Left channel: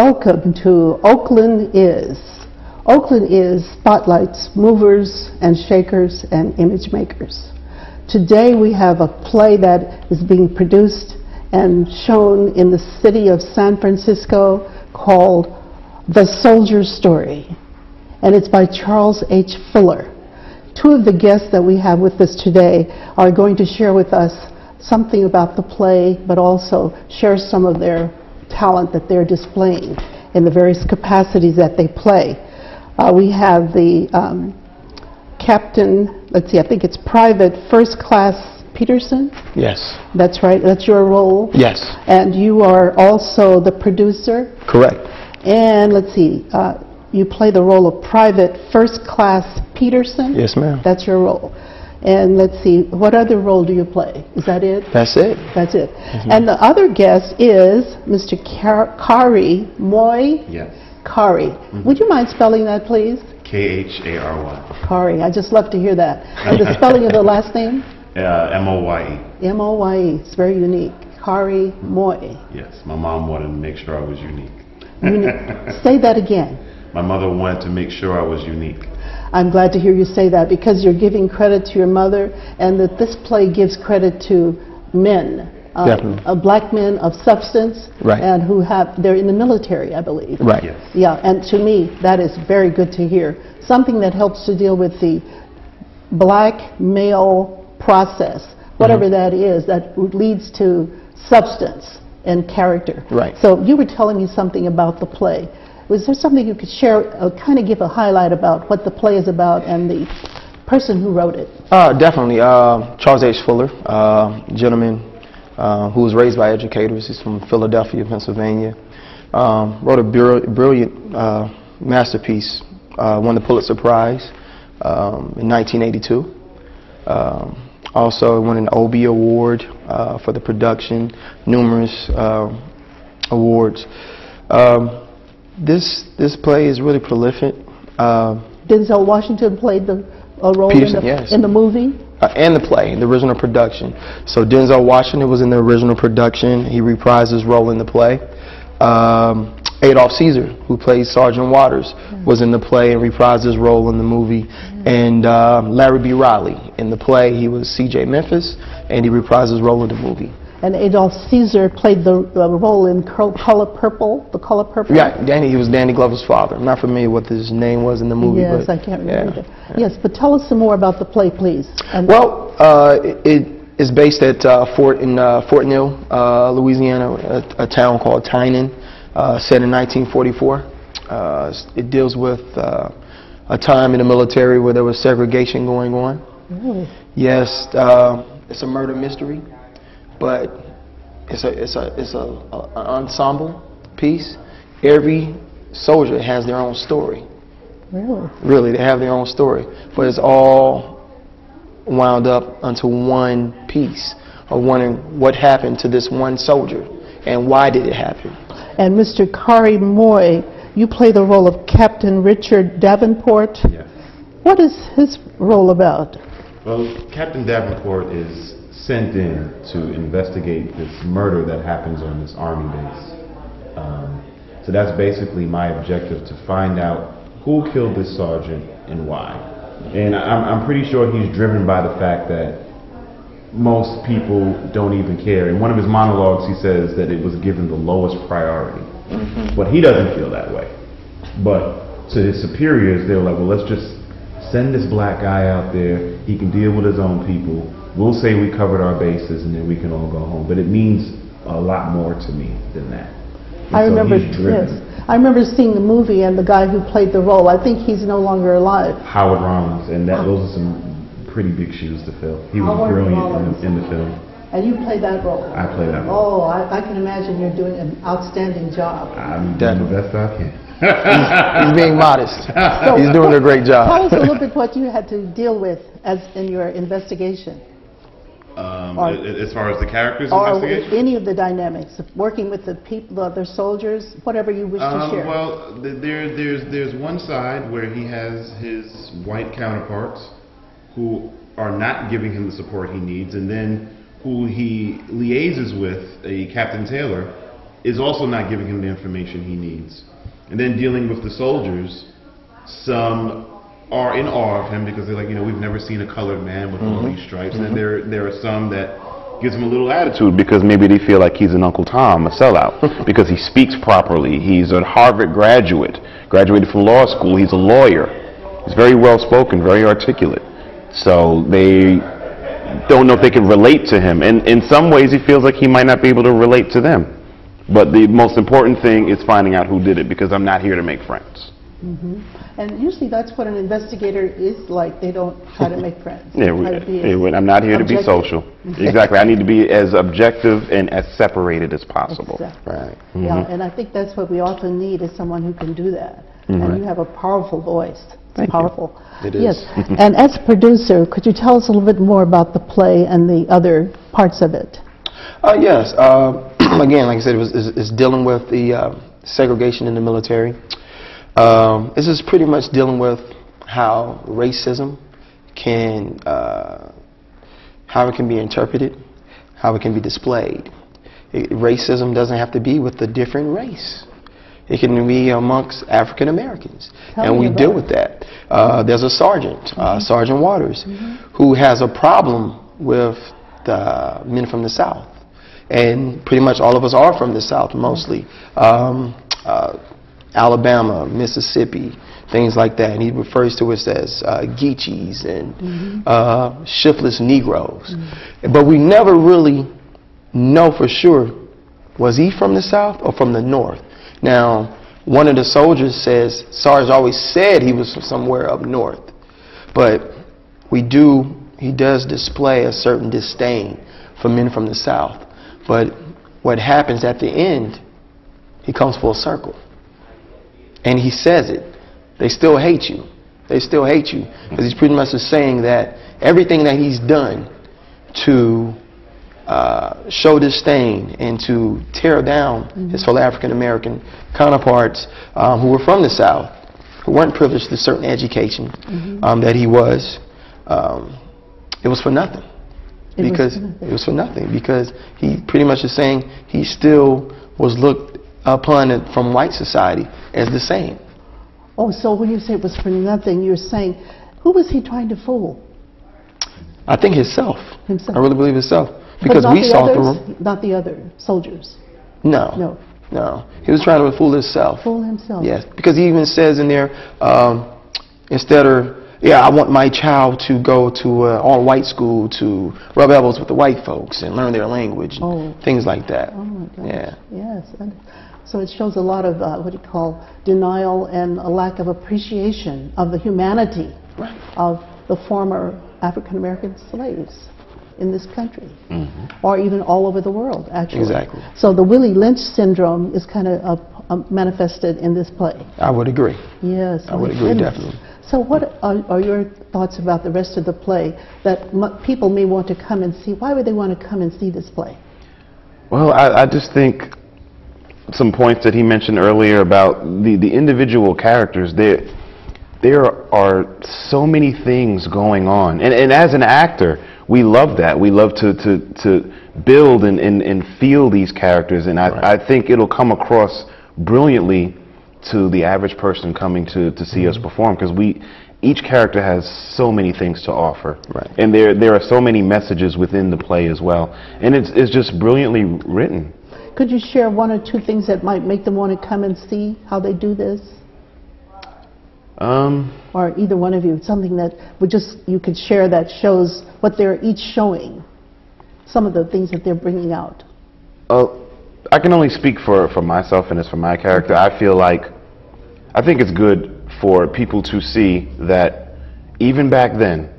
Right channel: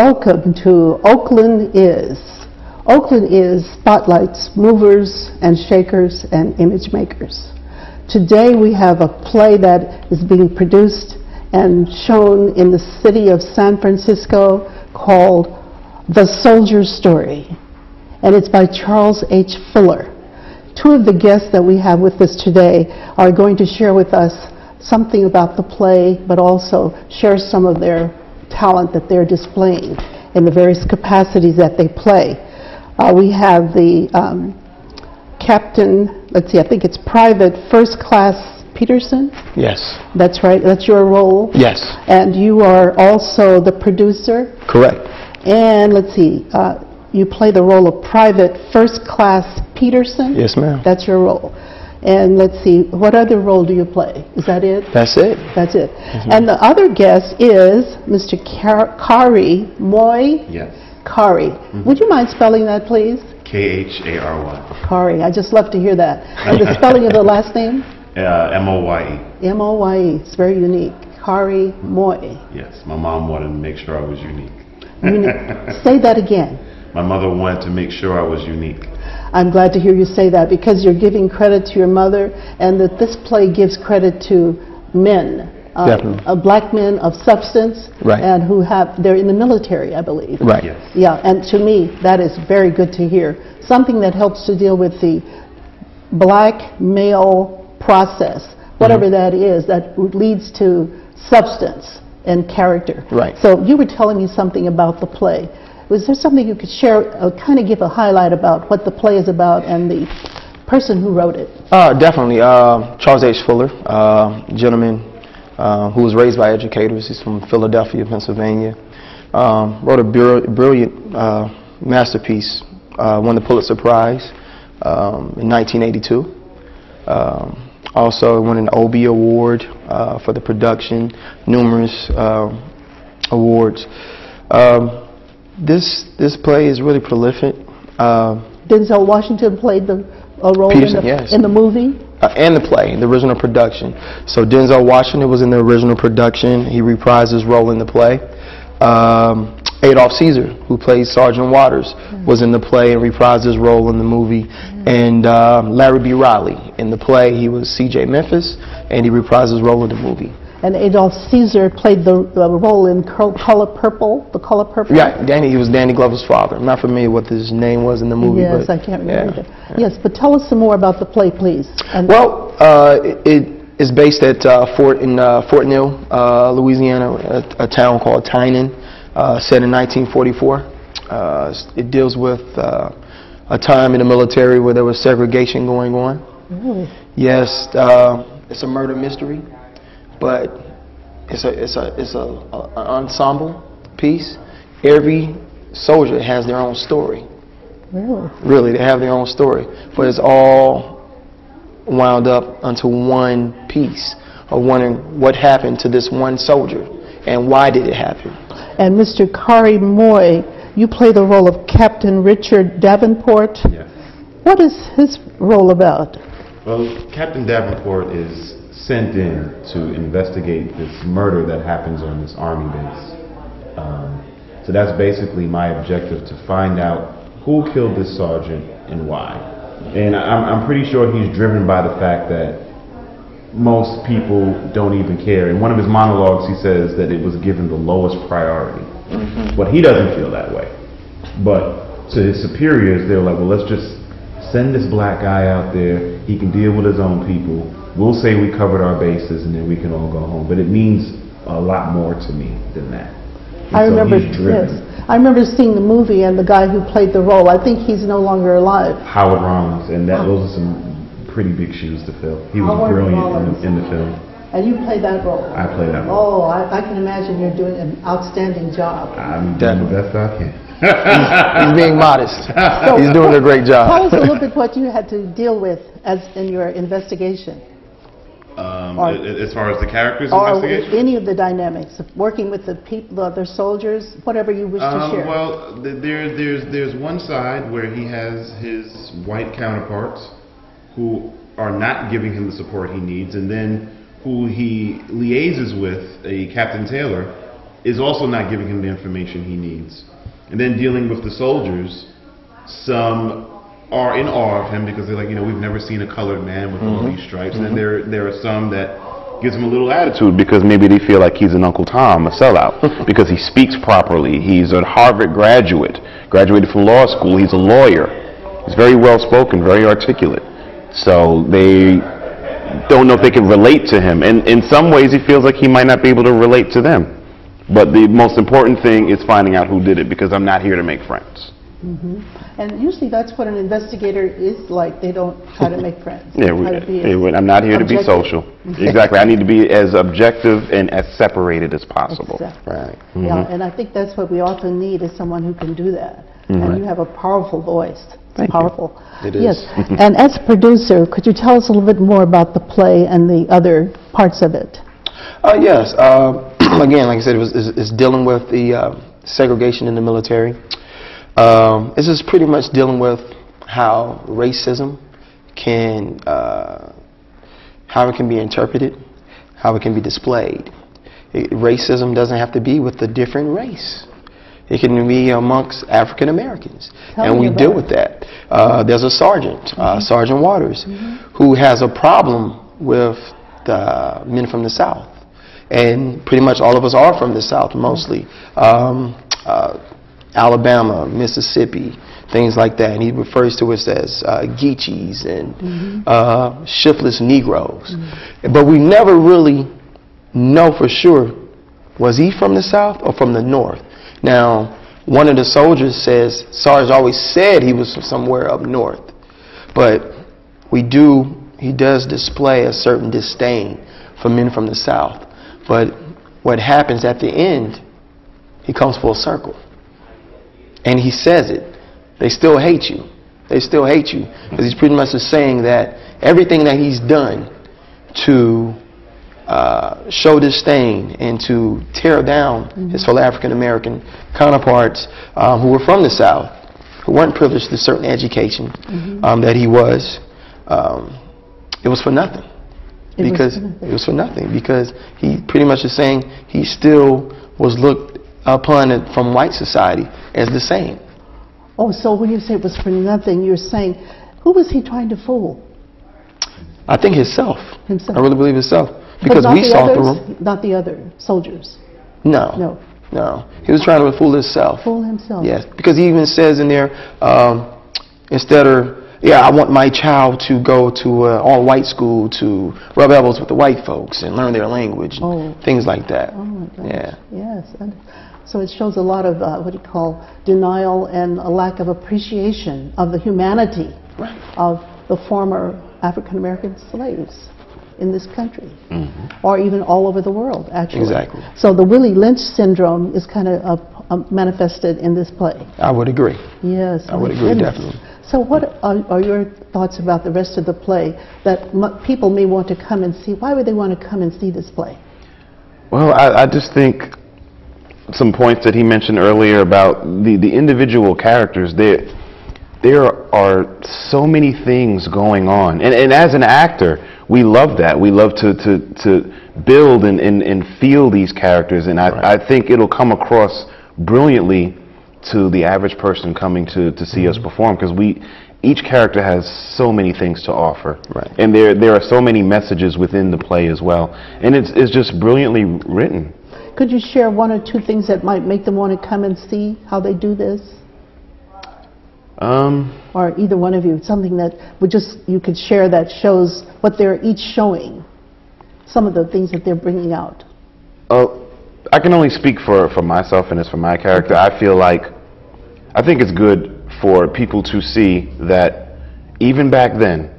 Welcome to Oakland Is. Oakland Is spotlights movers and shakers and image makers. Today we have a play that is being produced and shown in the city of San Francisco called The Soldier's Story, and it's by Charles H. Fuller. Two of the guests that we have with us today are going to share with us something about the play, but also share some of their talent that they're displaying in the various capacities that they play. We have the captain, let's see, I think it's Private First Class Peterson? Yes. That's right, that's your role? Yes. And you are also the producer? Correct. And let's see, you play the role of Private First Class Peterson? Yes, ma'am. That's your role. And let's see, what other role do you play? Is that it? That's it. That's it. And the other guest is Mr. Khary Moye. Yes. Khary. Would you mind spelling that, please? Khary. Khary. I just love to hear that. And the spelling of the last name? Moye. Moye. It's very unique. Khary Moye. Yes. My mom wanted to make sure I was unique. Say that again. My mother wanted to make sure I was unique. I'm glad to hear you say that, because you're giving credit to your mother, and that this play gives credit to men, black men of substance, right, and they're in the military, I believe. Right. Yes. Yeah, and to me, that is very good to hear. Something that helps to deal with the black male process, whatever that is, that leads to substance and character. Right. So you were telling me something about the play. Was there something you could share, kind of give a highlight about what the play is about and the person who wrote it? Definitely. Charles H. Fuller, gentleman who was raised by educators. He's from Philadelphia, Pennsylvania. Wrote a brilliant masterpiece, won the Pulitzer Prize in 1982. Also won an Obie Award for the production, numerous awards. This play is really prolific. Denzel Washington played the role Peterson, in the movie? And the play, in the original production. So Denzel Washington was in the original production. He reprised his role in the play. Adolph Caesar, who played Sergeant Waters, was in the play and reprised his role in the movie. And Larry B. Riley, in the play, he was C.J. Memphis, and he reprised his role in the movie. And Adolph Caesar played the role in Color Purple, The Color Purple? Yeah, he was Danny Glover's father. I'm not familiar what his name was in the movie. Yes, but, I can't remember. Yeah. Yes, but tell us some more about the play, please. Well, it is based at Fort Mill, Louisiana, a town called Tynan, set in 1944. It deals with a time in the military where there was segregation going on. Really? Yes, it's a murder mystery. But it's an ensemble piece. Every soldier has their own story. Really? Really, they have their own story. But it's all wound up onto one piece of wondering what happened to this one soldier and why did it happen. And Mr. Khary Moye, you play the role of Captain Richard Davenport. Yes. What is his role about? Well, Captain Davenport is sent in to investigate this murder that happens on this army base. So that's basically my objective, to find out who killed this sergeant and why. And I'm pretty sure he's driven by the fact that most people don't even care. In one of his monologues, he says that it was given the lowest priority. But he doesn't feel that way. But to his superiors, they're like, well, let's just send this black guy out there. He can deal with his own people. We'll say we covered our bases and then we can all go home. But it means a lot more to me than that. I remember seeing the movie and the guy who played the role. I think he's no longer alive. Howard Rollins, and those are some pretty big shoes to fill. He was brilliant in the film. And you played that role? I played that role. Oh, I can imagine you're doing an outstanding job. I'm doing the best I can. He's being modest. He's doing a great job. Tell us a little bit what you had to deal with as in your investigation. As far as the characters' or investigation? Any of the dynamics of working with the people, the other soldiers, whatever you wish to share. Well, there's one side where he has his white counterparts who are not giving him the support he needs, and then who he liaises with, a Captain Taylor, is also not giving him the information he needs. And then dealing with the soldiers, some are in awe of him because they're like, we've never seen a colored man with all these stripes. And then there are some that gives him a little attitude because maybe they feel like he's an Uncle Tom, a sellout, because he speaks properly. He's a Harvard graduated from law school. He's a lawyer. He's very well spoken, very articulate. So they don't know if they can relate to him. And in some ways, he feels like he might not be able to relate to them. But the most important thing is finding out who did it, because I'm not here to make friends. And usually that's what an investigator is like. They don't try to make friends. I'm not here to be social. Exactly. I need to be as objective and as separated as possible. Exactly. Right. Yeah, and I think that's what we often need, is someone who can do that. And you have a powerful voice. It's powerful. It is. Yes. And as a producer, could you tell us a little bit more about the play and the other parts of it? Yes. Again, like I said, it's dealing with the segregation in the military. This is pretty much dealing with how racism can, how it can be interpreted, how it can be displayed. Racism doesn't have to be with a different race. It can be amongst African Americans, and we deal with that. There's a sergeant, Sergeant Waters, who has a problem with the men from the South, and pretty much all of us are from the South, mostly. Alabama, Mississippi, things like that, and he refers to us as Geechees and shiftless Negroes. But we never really know for sure, was he from the South or from the North? Now, one of the soldiers says Sarge always said he was from somewhere up north, but he does display a certain disdain for men from the South. But what happens at the end, he comes full circle. And he says it. They still hate you. They still hate you. Because he's pretty much just saying that everything that he's done to show disdain and to tear down his fellow African American counterparts who were from the South, who weren't privileged to certain education that he was, it was for nothing. It was for nothing. Because he pretty much is saying he still was looked upon it from white society as the same. Oh, so when you say it was for nothing, you're saying, who was he trying to fool? I think himself. Himself. I really believe himself. Because we saw through him. Not the other soldiers. No. He was trying to fool himself. Fool himself. Yes, because he even says in there, instead of, I want my child to go to all-white school to rub elbows with the white folks and learn their language, and things like that. Oh my gosh. Yeah. Yes. And so it shows a lot of what you call denial and a lack of appreciation of the humanity of the former African American slaves in this country, or even all over the world, actually. Exactly. So the Willie Lynch syndrome is kind of manifested in this play. I would agree. Yes. I would agree, definitely. So what are your thoughts about the rest of the play that people may want to come and see? Why would they want to come and see this play? Well, I just think some points that he mentioned earlier about the individual characters, there are so many things going on. And as an actor, we love that. We love to build and feel these characters. And I think it'll come across brilliantly to the average person coming to see us perform, because each character has so many things to offer. Right. And there are so many messages within the play as well. And it's just brilliantly written. Could you share one or two things that might make them want to come and see how they do this? Or either one of you, something that you could share that shows what they're each showing, some of the things that they're bringing out. Oh, I can only speak for myself, and it's for my character. I think it's good for people to see that even back then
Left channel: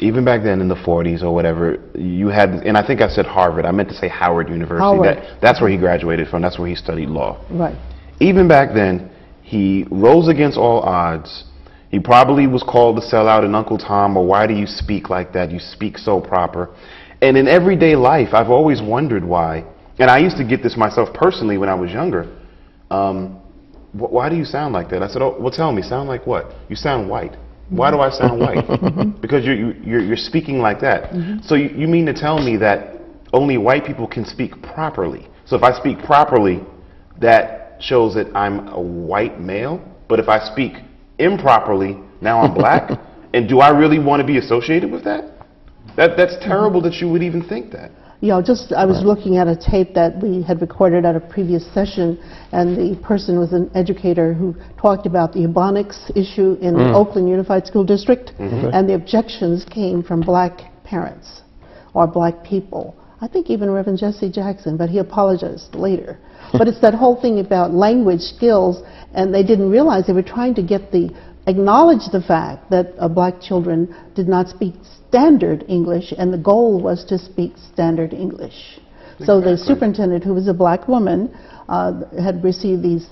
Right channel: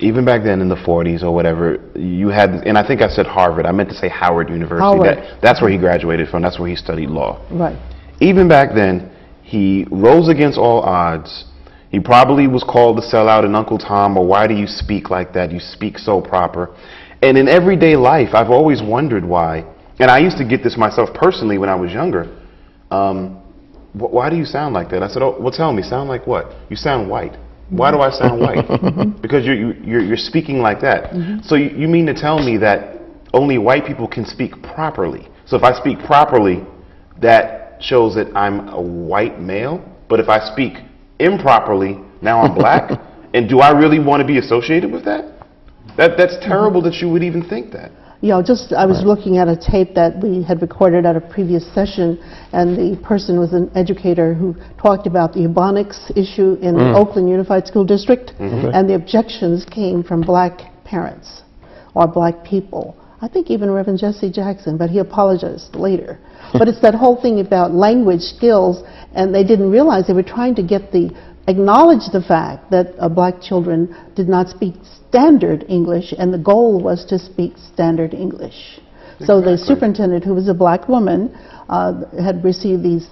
in the 40s or whatever, you had, and I think I said Harvard, I meant to say Howard University. Howard. That's where he graduated from. That's where he studied law. Right. Even back then, he rose against all odds. He probably was called the sellout and Uncle Tom, or why do you speak like that? You speak so proper. And in everyday life, I've always wondered why. And I used to get this myself personally when I was younger. Why do you sound like that? I said, well, tell me, sound like what? You sound white. Why do I sound white? Because you're speaking like that. So you mean to tell me that only white people can speak properly? So if I speak properly, that shows that I'm a white male. But if I speak improperly, now I'm black. And do I really want to be associated with that? That's terrible that you would even think that. You know, I was looking at a tape that we had recorded at a previous session, and the person was an educator who talked about the Ebonics issue in Oakland Unified School District, and the objections came from black parents or black people. I think even Reverend Jesse Jackson, but he apologized later. But it's that whole thing about language skills, and they didn't realize they were trying to acknowledge the fact that black children did not speak standard English, and the goal was to speak standard English. So the superintendent, who was a black woman, had received these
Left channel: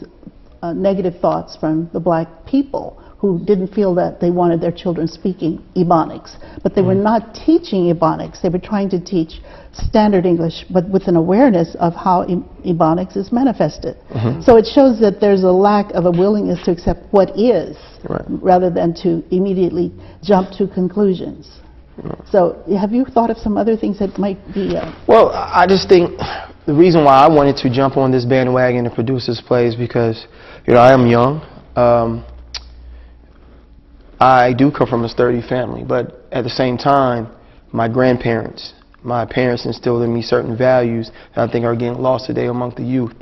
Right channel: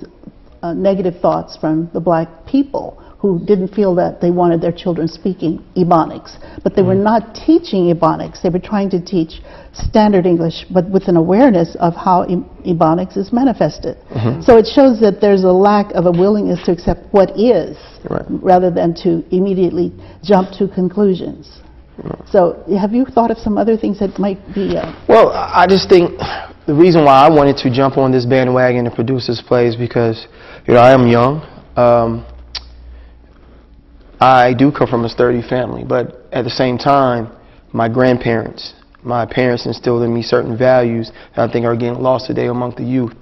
negative thoughts from the black people who didn't feel that they wanted their children speaking Ebonics. But they were not teaching Ebonics. They were trying to teach standard English, but with an awareness of how Ebonics is manifested. So it shows that there's a lack of a willingness to accept what is, rather than to immediately jump to conclusions. So have you thought of some other things that might be... Well, I just think the reason why I wanted to jump on this bandwagon and produce this play is because, you know, I am young. I do come from a sturdy family, but at the same time, my grandparents, my parents instilled in me certain values that I think are getting lost today amongst the youth.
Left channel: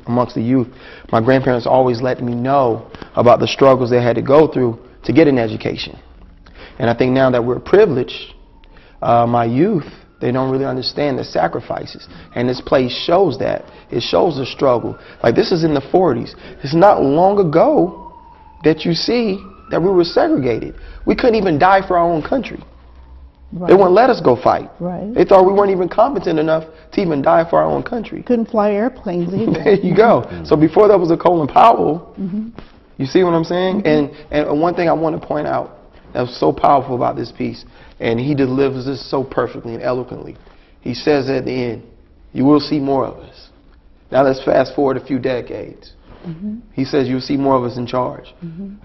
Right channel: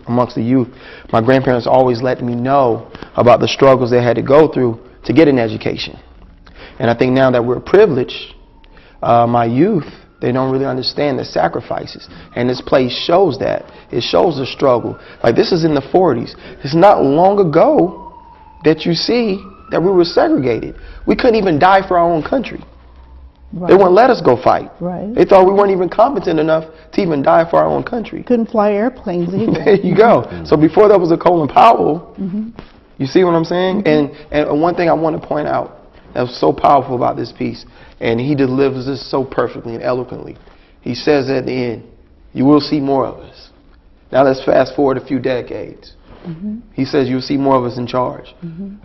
My grandparents always let me know about the struggles they had to go through to get an education. And I think now that we're privileged, my youth, they don't really understand the sacrifices. And this play shows that. It shows the struggle. Like, this is in the 40s. It's not long ago that you see that we were segregated. We couldn't even die for our own country. They wouldn't let us go fight. They thought we weren't even competent enough to even die for our own country. Couldn't fly airplanes either. There you go. So before there was a Colin Powell, you see what I'm saying? And one thing I want to point out that was so powerful about this piece, and he delivers this so perfectly and eloquently. He says at the end, you will see more of us. Now let's fast forward a few decades. He says you'll see more of us in charge.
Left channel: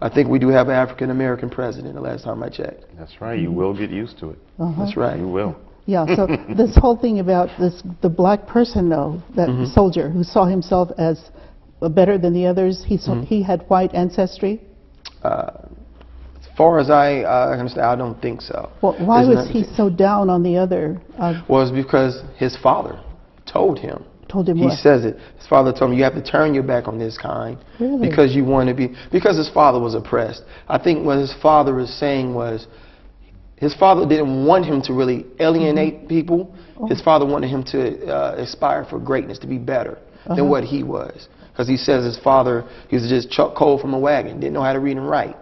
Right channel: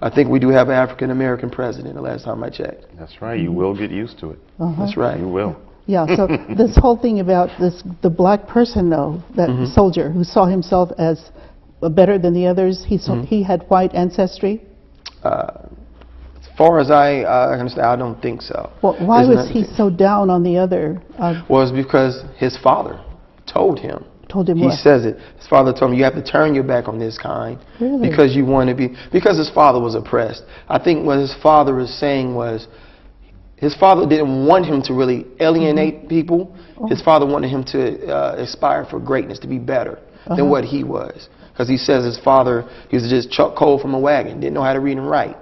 I think we do have an African-American president, the last time I checked. That's right. You will get used to it. That's right. You will. Yeah, so this whole thing about the black person, though, that soldier who saw himself as better than the others, he had white ancestry? As far as I understand, I don't think so. Well, why was he so down on the other? Well, it's because his father told him. Told him he what? says it. His father told him, you have to turn your back on this kind. Really? Because you want to be, because his father was oppressed. I think what his father was saying was, his father didn't want him to really alienate people. His father wanted him to aspire for greatness, to be better than what he was. Because he says his father, he was just chuck coal from a wagon, didn't know how to read and write.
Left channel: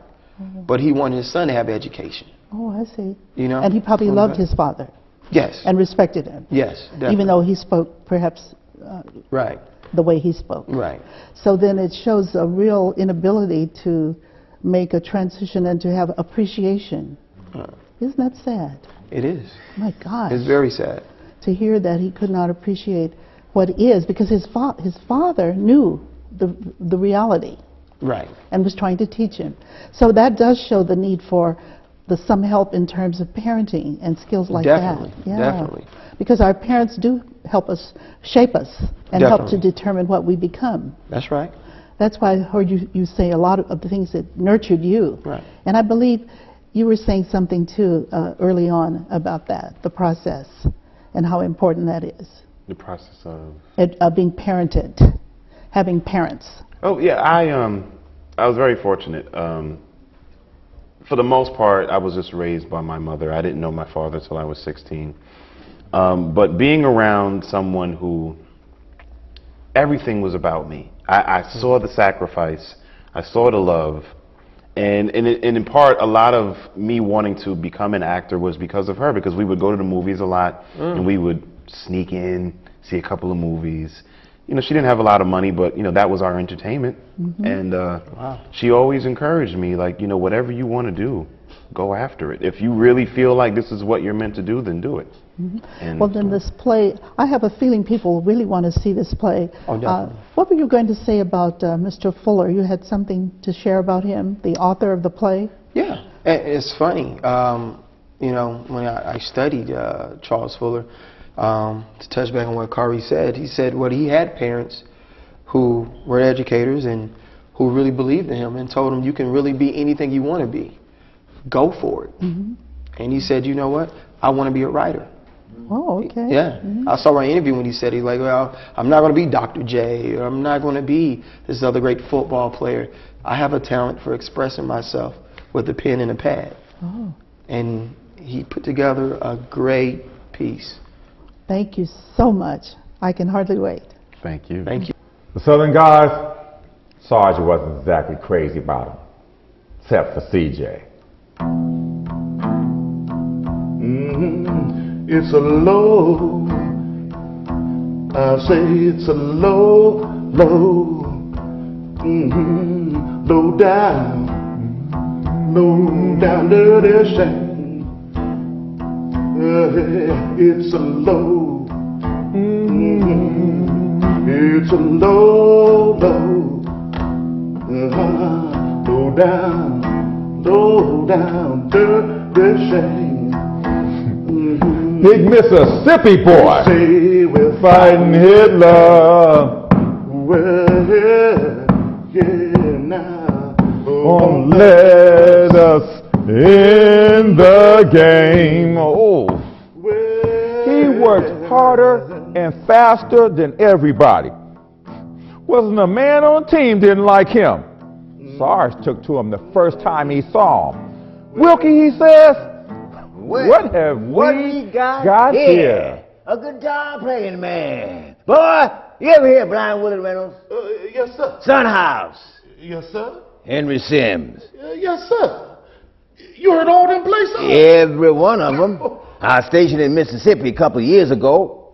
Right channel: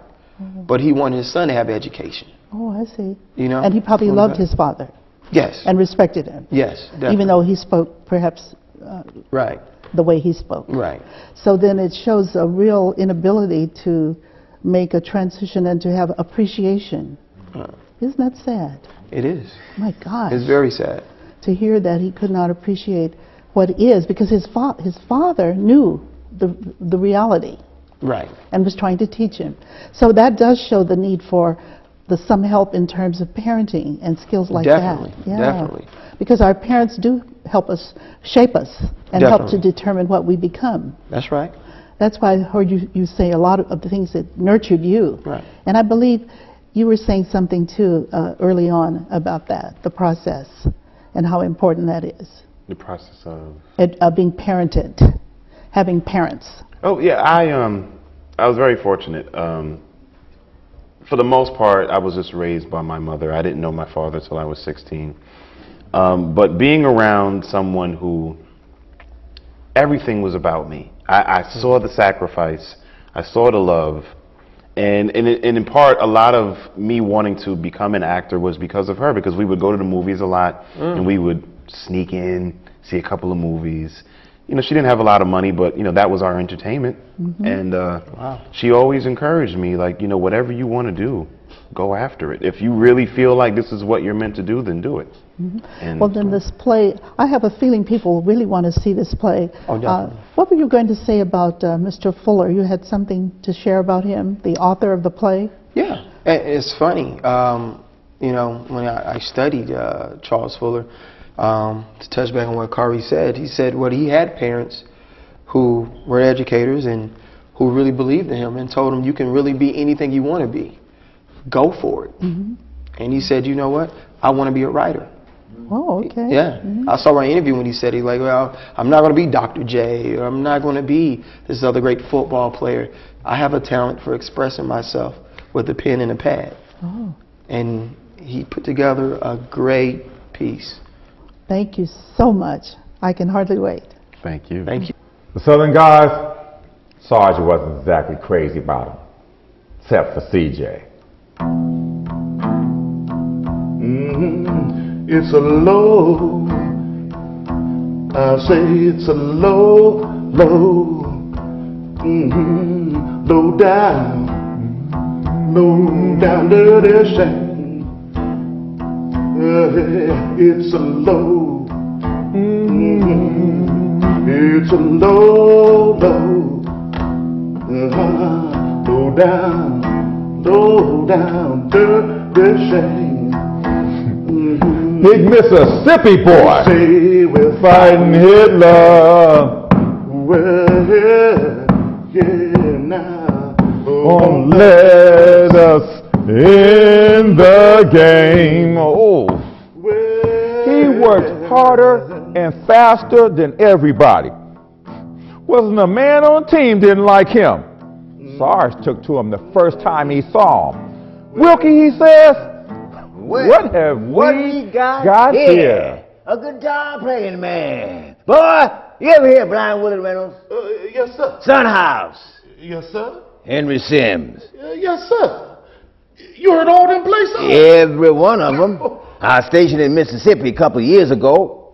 But he wanted his son to have education. Oh, I see. You know? And he probably loved his father. Yes. And respected him. Yes, definitely. Even though he spoke perhaps the way he spoke. Right. So then it shows a real inability to make a transition and to have appreciation. Isn't that sad? It is. My God. It's very sad. To hear that he could not appreciate what is, because his father knew the reality. Right. And was trying to teach him. So that does show the need for some help in terms of parenting and skills like Definitely. that. Yeah. Definitely. Because our parents do help us, shape us, and help to Definitely. determine what we become. That's right. That's why I heard you say a lot of the things that nurtured you. Right. And I believe you were saying something too early on about that, the process, and how important that is. The process of Being parented, having parents. Oh yeah, I was very fortunate. For the most part, I was just raised by my mother. I didn't know my father till I was 16. But being around someone who everything was about me. I saw the sacrifice. I saw the love. And in part, a lot of me wanting to become an actor was because of her, because we would go to the movies a lot, and we would sneak in, see a couple of movies. You know, she didn't have a lot of money, but, you know, that was our entertainment. And she always encouraged me, like, you know, whatever you want to do, go after it. If you really feel like this is what you're meant to do, then do it. And well, then this play, I have a feeling people really want to see this play. Oh, what were you going to say about Mr. Fuller? You had something to share about him, the author of the play? Yeah, it's funny. You know, when I studied Charles Fuller, To touch back on what Khary said, he said what he had parents who were educators and who really believed in him and told him you can really be anything you want to be. Go for it. And he said, you know what? I want to be a writer. Oh, okay. Yeah. I saw an interview when he said, he's like, well, I'm not going to be Dr. J, or I'm not going to be this other great football player. I have a talent for expressing myself with a pen and a pad. Oh. And he put together a great piece. Thank you so much. I can hardly wait. Thank you. Thank you. The Southern guys, Sarge wasn't exactly crazy about him, except for CJ. It's a low, I say it's a low, low, low down dirty shame. It's a low, it's a low, low down dirty shame. Big Mississippi boy, Say we're fighting Hitler. Well, yeah, now. Won't let us in the game. Oh, he worked harder and faster than everybody. Wasn't a man on the team didn't like him. Sarge took to him the first time he saw him. Wilkie, he says, what have we got here? A guitar playing man. Boy, you ever hear Blind Willie Reynolds? Yes, sir. Son House. Yes, sir. Henry Sims. Yes, sir. You heard all them places? Every one of them. I was stationed in Mississippi a couple of years ago.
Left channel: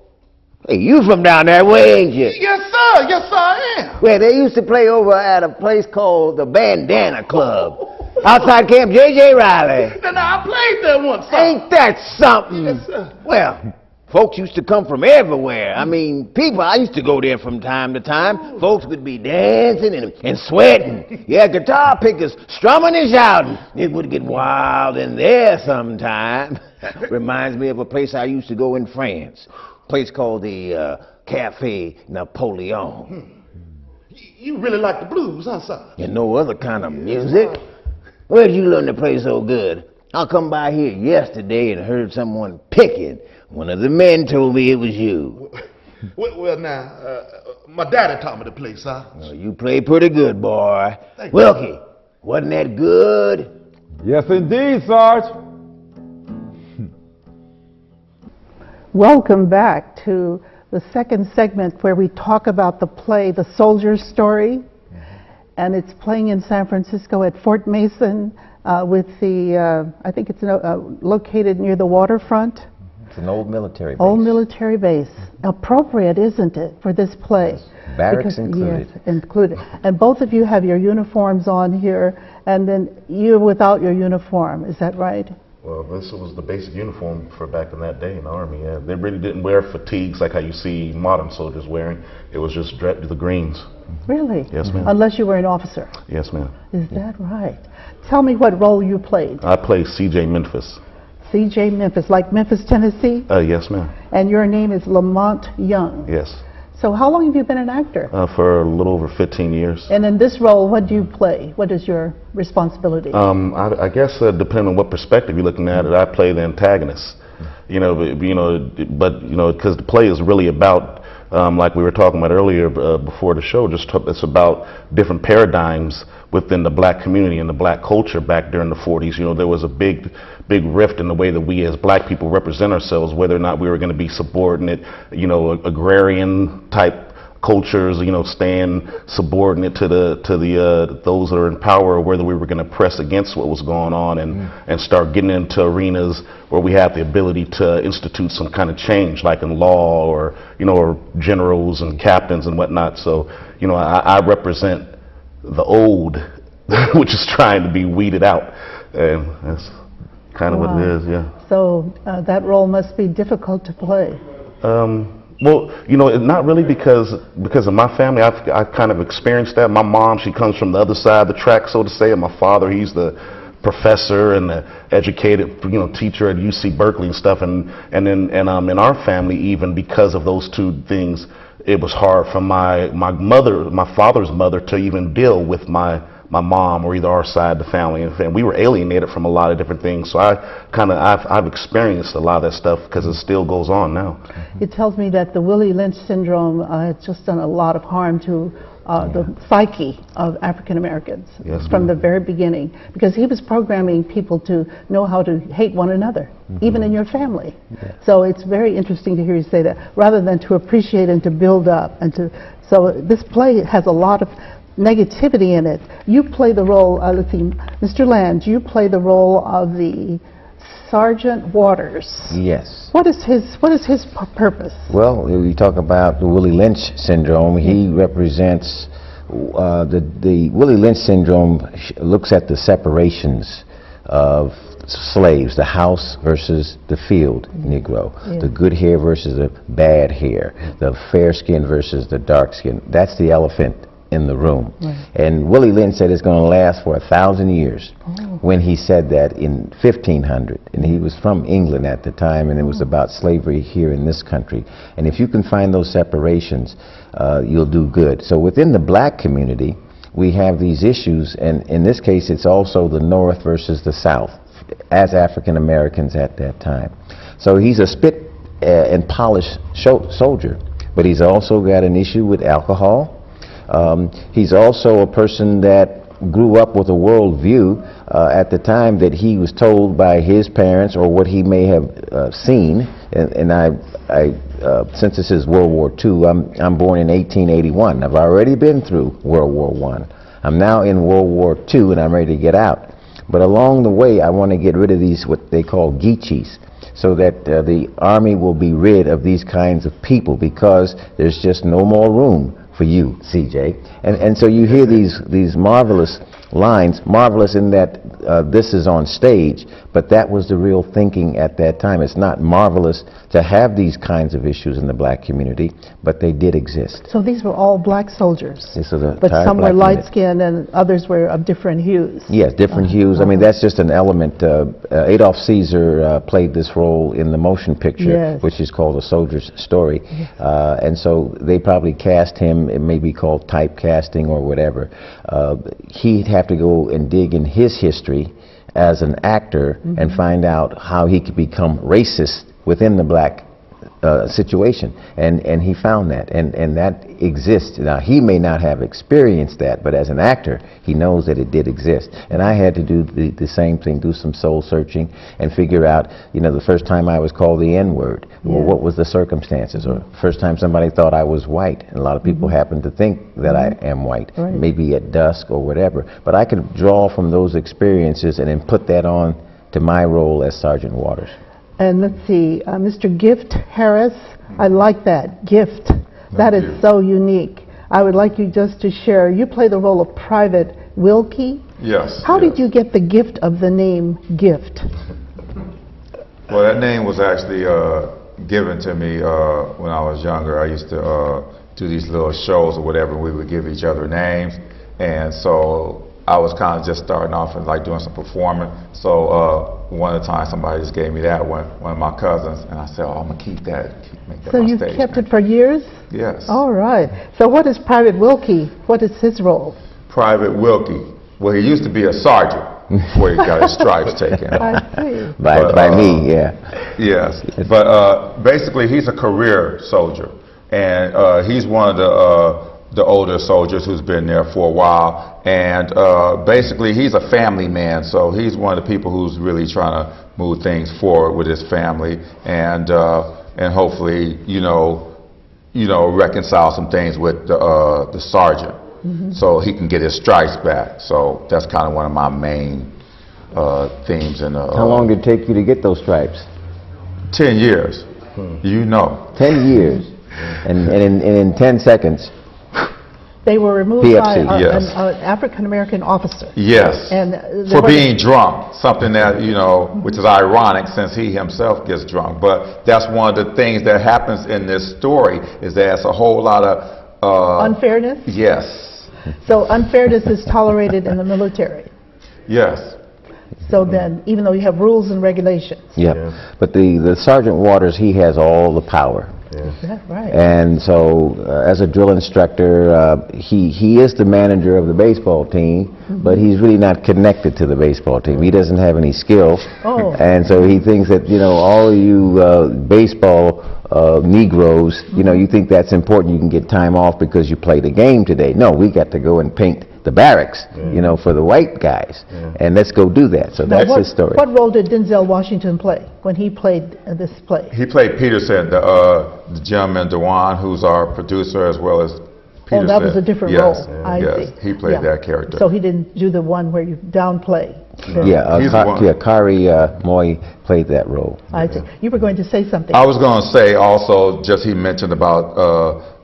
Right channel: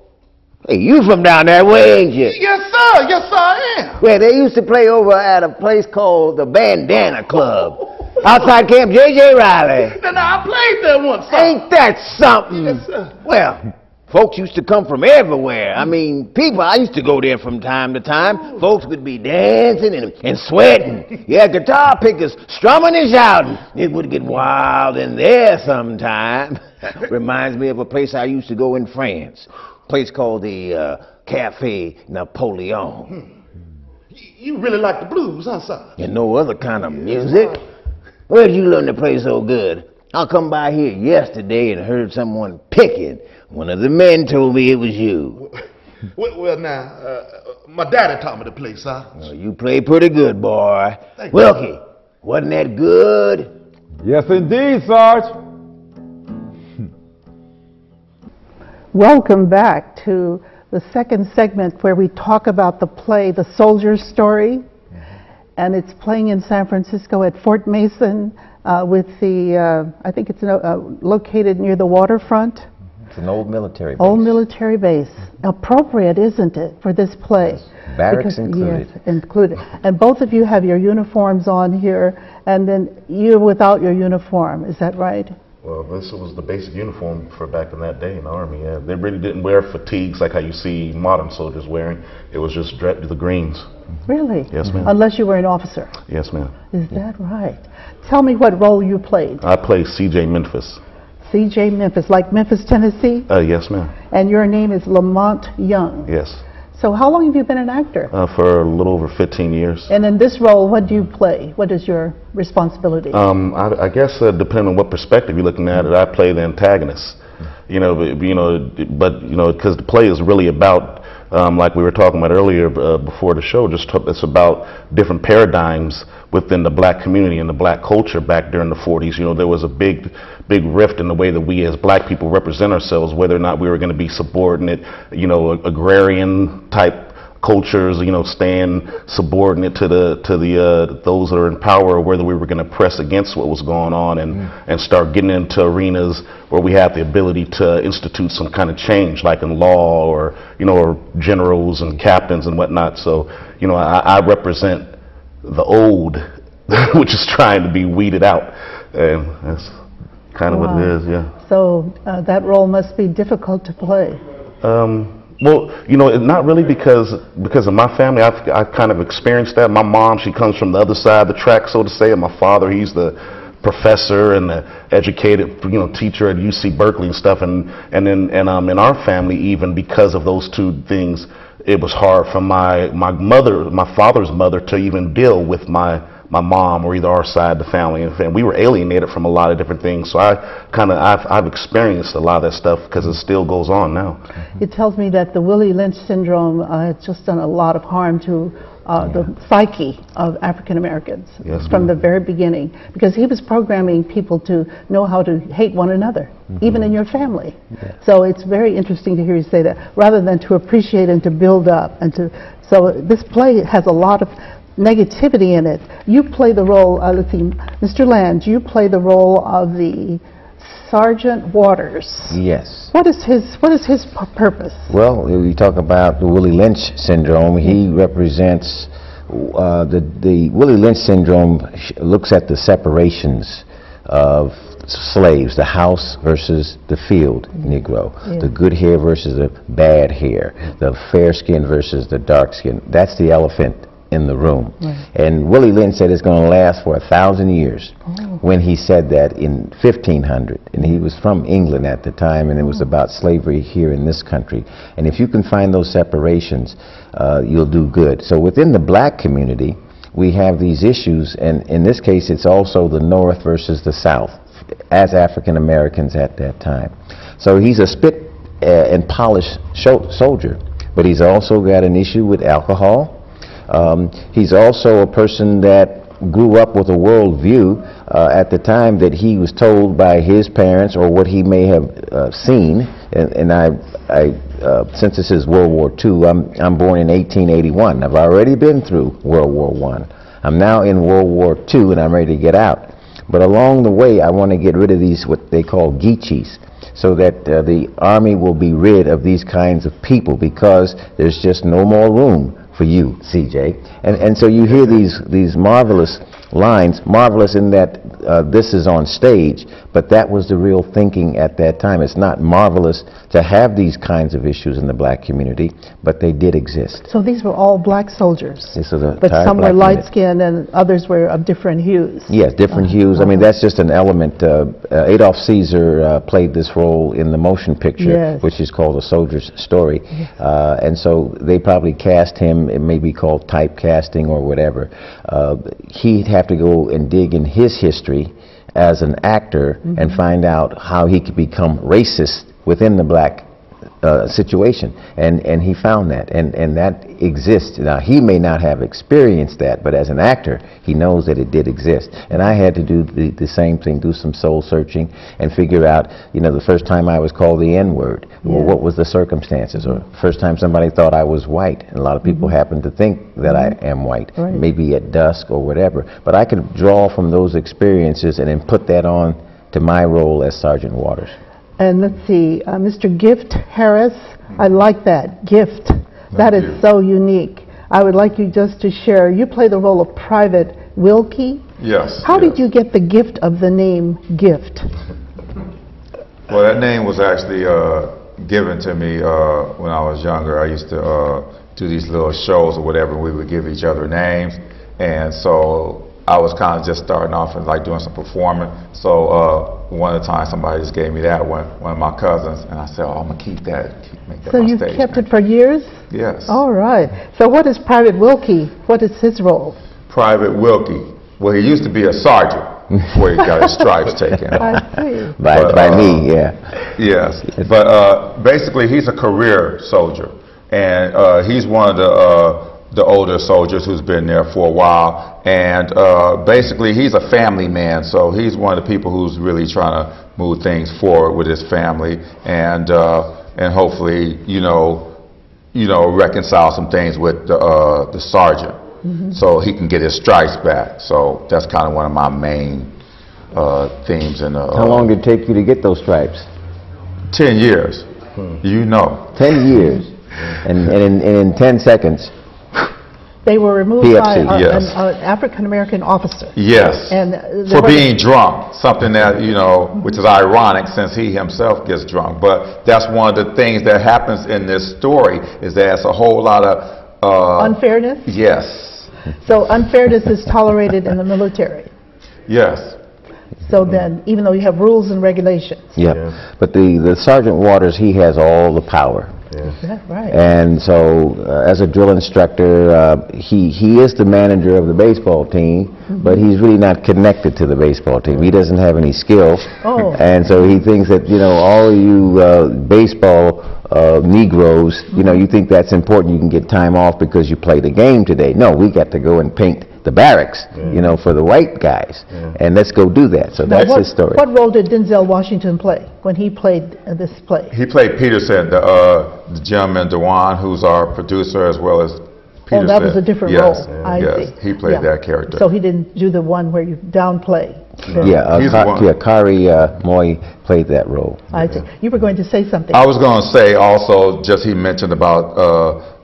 Hey, you from down that way, ain't you? Yes, sir. Yes, sir, I am. Well, they used to play over at a place called the Bandana Club. Outside Camp J.J. Riley. Then I played there once, sir. Ain't that something? Yes, sir. Well, folks used to come from everywhere. I mean, people, I used to go there from time to time. Folks would be dancing and sweating. Yeah, guitar pickers strumming and shouting. It would get wild in there sometime. Reminds me of a place I used to go in France. A place called the Café Napoleon. You really like the blues, huh, sir? And no other kind of music. Where'd you learn to play so good? I come by here yesterday and heard someone picking. One of the men told me it was you. Well, now, my daddy taught me to play, sir. Well, you play pretty good, boy. Thank you. Wilkie, wasn't that good? Yes, indeed, Sarge. Welcome back to the second segment where we talk about the play, The Soldier's Story. And it's playing in San Francisco at Fort Mason with the, I think it's located near the waterfront. It's an old military base. Old military base. Appropriate, isn't it, for this play? Barracks included. Yes, included. And both of you have your uniforms on here, and then you're without your uniform. Is that right? Well, this was the basic uniform for back in that day in the Army. Yeah. They really didn't wear fatigues like how you see modern soldiers wearing. It was just the greens. Really? Yes, ma'am. Unless you were an officer. Yes, ma'am. Is that right? Tell me what role you played. I played C.J. Memphis. C.J. Memphis, like Memphis, Tennessee? Yes, ma'am. And your name is Lamont Young. Yes. So how long have you been an actor? For a little over 15 years. And in this role, what do you play? What is your responsibility? I guess depending on what perspective you're looking at it, I play the antagonist. But because the play is really about, like we were talking about earlier before the show, it's about different paradigms within the black community and the black culture back during the 40s. There was a big rift in the way that we as black people represent ourselves, whether or not we were going to be subordinate, agrarian type cultures, staying subordinate to those that are in power, or whether we were going to press against what was going on and start getting into arenas where we have the ability to institute some kind of change, like in law or generals and captains and whatnot. So I represent the old, which is trying to be weeded out, and that's kind of what it is. Yeah. So that role must be difficult to play. Well, not really because of my family. I kind of experienced that. My mom, she comes from the other side of the track, so to say, and my father, he's the professor and an educated, teacher at UC Berkeley and stuff, and in our family, even because of those two things, it was hard for my father's mother to even deal with my mom or either our side of the family, and we were alienated from a lot of different things. So I've experienced a lot of that stuff because it still goes on now. It tells me that the Willie Lynch syndrome has just done a lot of harm to the psyche of African Americans from the very beginning, because he was programming people to know how to hate one another, even in your family. So it's very interesting to hear you say that, rather than to appreciate and to build up so this play has a lot of negativity in it. You play the role, let's see, Mr. Lange, you play the role of the Sergeant Waters. Yes. What is his purpose? Well, we talk about the Willie Lynch syndrome. He represents the Willie Lynch syndrome looks at the separations of slaves, the house versus the field Negro, the good hair versus the bad hair, the fair skin versus the dark skin. That's the elephant in the room. And Willie Lynch said it's going to last for 1,000 years when he said that in 1500. And he was from England at the time, and it was about slavery here in this country. And if you can find those separations, you'll do good. So within the black community, we have these issues, and in this case it's also the North versus the South as African Americans at that time. So he's a spit and polish soldier, but he's also got an issue with alcohol. He's also a person that grew up with a world view at the time that he was told by his parents or what he may have seen. And since this is World War II, I'm born in 1881. I've already been through World War I. I'm now in World War II, and I'm ready to get out. But along the way, I want to get rid of these, what they call geechees, so that the Army will be rid of these kinds of people, because there's just no more room for you, CJ. And so you hear these marvelous lines, marvelous in that this is on stage, but that was the real thinking at that time. It's not marvelous to have these kinds of issues in the black community, but they did exist. So these were all black soldiers, but some were light-skinned and others were of different hues. Yes, different hues. I mean, that's just an element. Adolph Caesar played this role in the motion picture, which is called A Soldier's Story. And so they probably cast him, it may be called typecasting or whatever. He'd have to go and dig in his history as an actor and find out how he could become racist within the black situation, and he found that, and that exists. Now, he may not have experienced that, but as an actor, he knows that it did exist. And I had to do the same thing, do some soul searching and figure out, the first time I was called the N-word, well, what was the circumstances? Or first time somebody thought I was white, and a lot of people happen to think that I am white, maybe at dusk or whatever. But I could draw from those experiences and then put that on to my role as Sergeant Waters. And let's see, Mr. Gift Harris, I like that, Gift. That is so unique. I would like you just to share, you play the role of Private Wilkie. Yes. How did you get the gift of the name Gift? Well, that name was actually given to me when I was younger. I used to do these little shows or whatever, and we would give each other names. And so I was kind of just starting off and like doing some performing. So one of the times somebody just gave me that one of my cousins, and I said, oh, I'm gonna keep that, make that so my you've stage kept name. it for years? Yes. All right. So what is Private Wilkie? What is his role? Private Wilkie. Well, he used to be a sergeant before he got his stripes taken off. I see. By me, yeah. Yes. But basically, he's a career soldier, and he's one of the older soldiers who's been there for a while, and basically he's a family man, so he's one of the people who's really trying to move things forward with his family, and hopefully reconcile some things with the sergeant, so he can get his stripes back. So that's kind of one of my main themes. In how long did it take you to get those stripes? 10 years. 10 years, and in 10 seconds. They were removed by PFC, yes. an African-American officer. Yes, and for being drunk, something that, which is ironic since he himself gets drunk. But that's one of the things that happens in this story, is there's a whole lot of... unfairness? Yes. So unfairness is tolerated in the military? Yes. So then, even though you have rules and regulations. Yeah. But the Sergeant Waters, he has all the power. Yeah, right. And so, as a drill instructor, he is the manager of the baseball team, but he's really not connected to the baseball team. He doesn't have any skill. And so he thinks that, you know, all you baseball Negroes, you know, you think that's important, you can get time off because you played a game today. No, we got to go and paint the barracks, you know, for the white guys. And let's go do that. So Now, that's his story. What role did Denzel Washington play when he played this play? He played Peterson, the gentleman, DeJuan, who's our producer, as well as Peterson. Oh, that was a different role. I see. He played that character. So he didn't do the one where you downplay. Khary Moye played that role. I see. You were going to say something. I was going to say also, just he mentioned about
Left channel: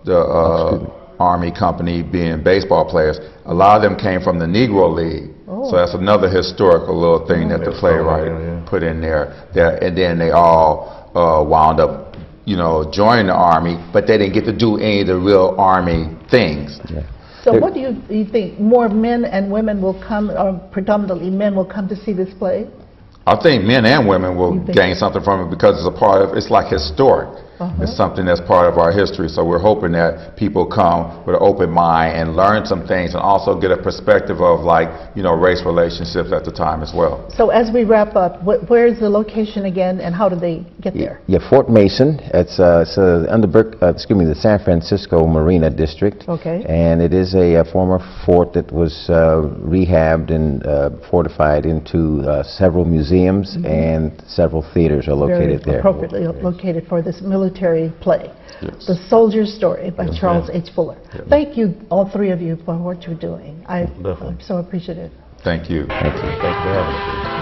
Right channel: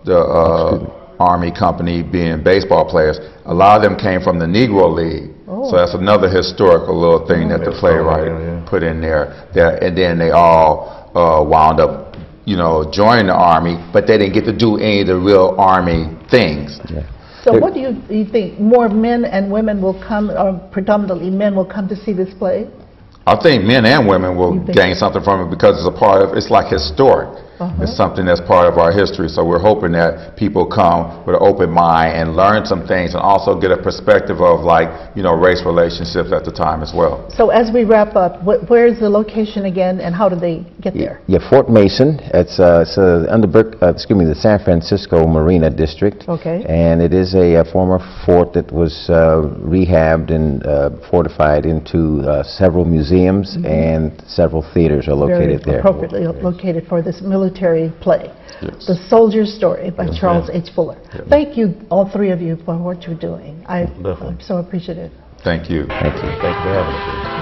the Army company being baseball players. A lot of them came from the Negro League. So that's another historical little thing that the playwright put in there. And then they all wound up, you know, joining the Army, but they didn't get to do any of the real Army things. So what do you think? More men and women will come, or predominantly men will come to see this play? I think men and women will gain something from it because it's a part of, it's like historic. It's something that's part of our history. So we're hoping that people come with an open mind and learn some things and also get a perspective of, like, you know, race relationships at the time as well. So as we wrap up, where's the location again and how do they get there? Yeah, Fort Mason. It's under the San Francisco Marina District. Okay. And it is a former fort that was rehabbed and fortified into several museums, and several theaters are located there. Appropriately located for this military play. The Soldier's Story by Charles H. Fuller. Thank you, all three of you, for what you're doing. I'm so appreciative. Thank you. Thank you. Thank you for having us.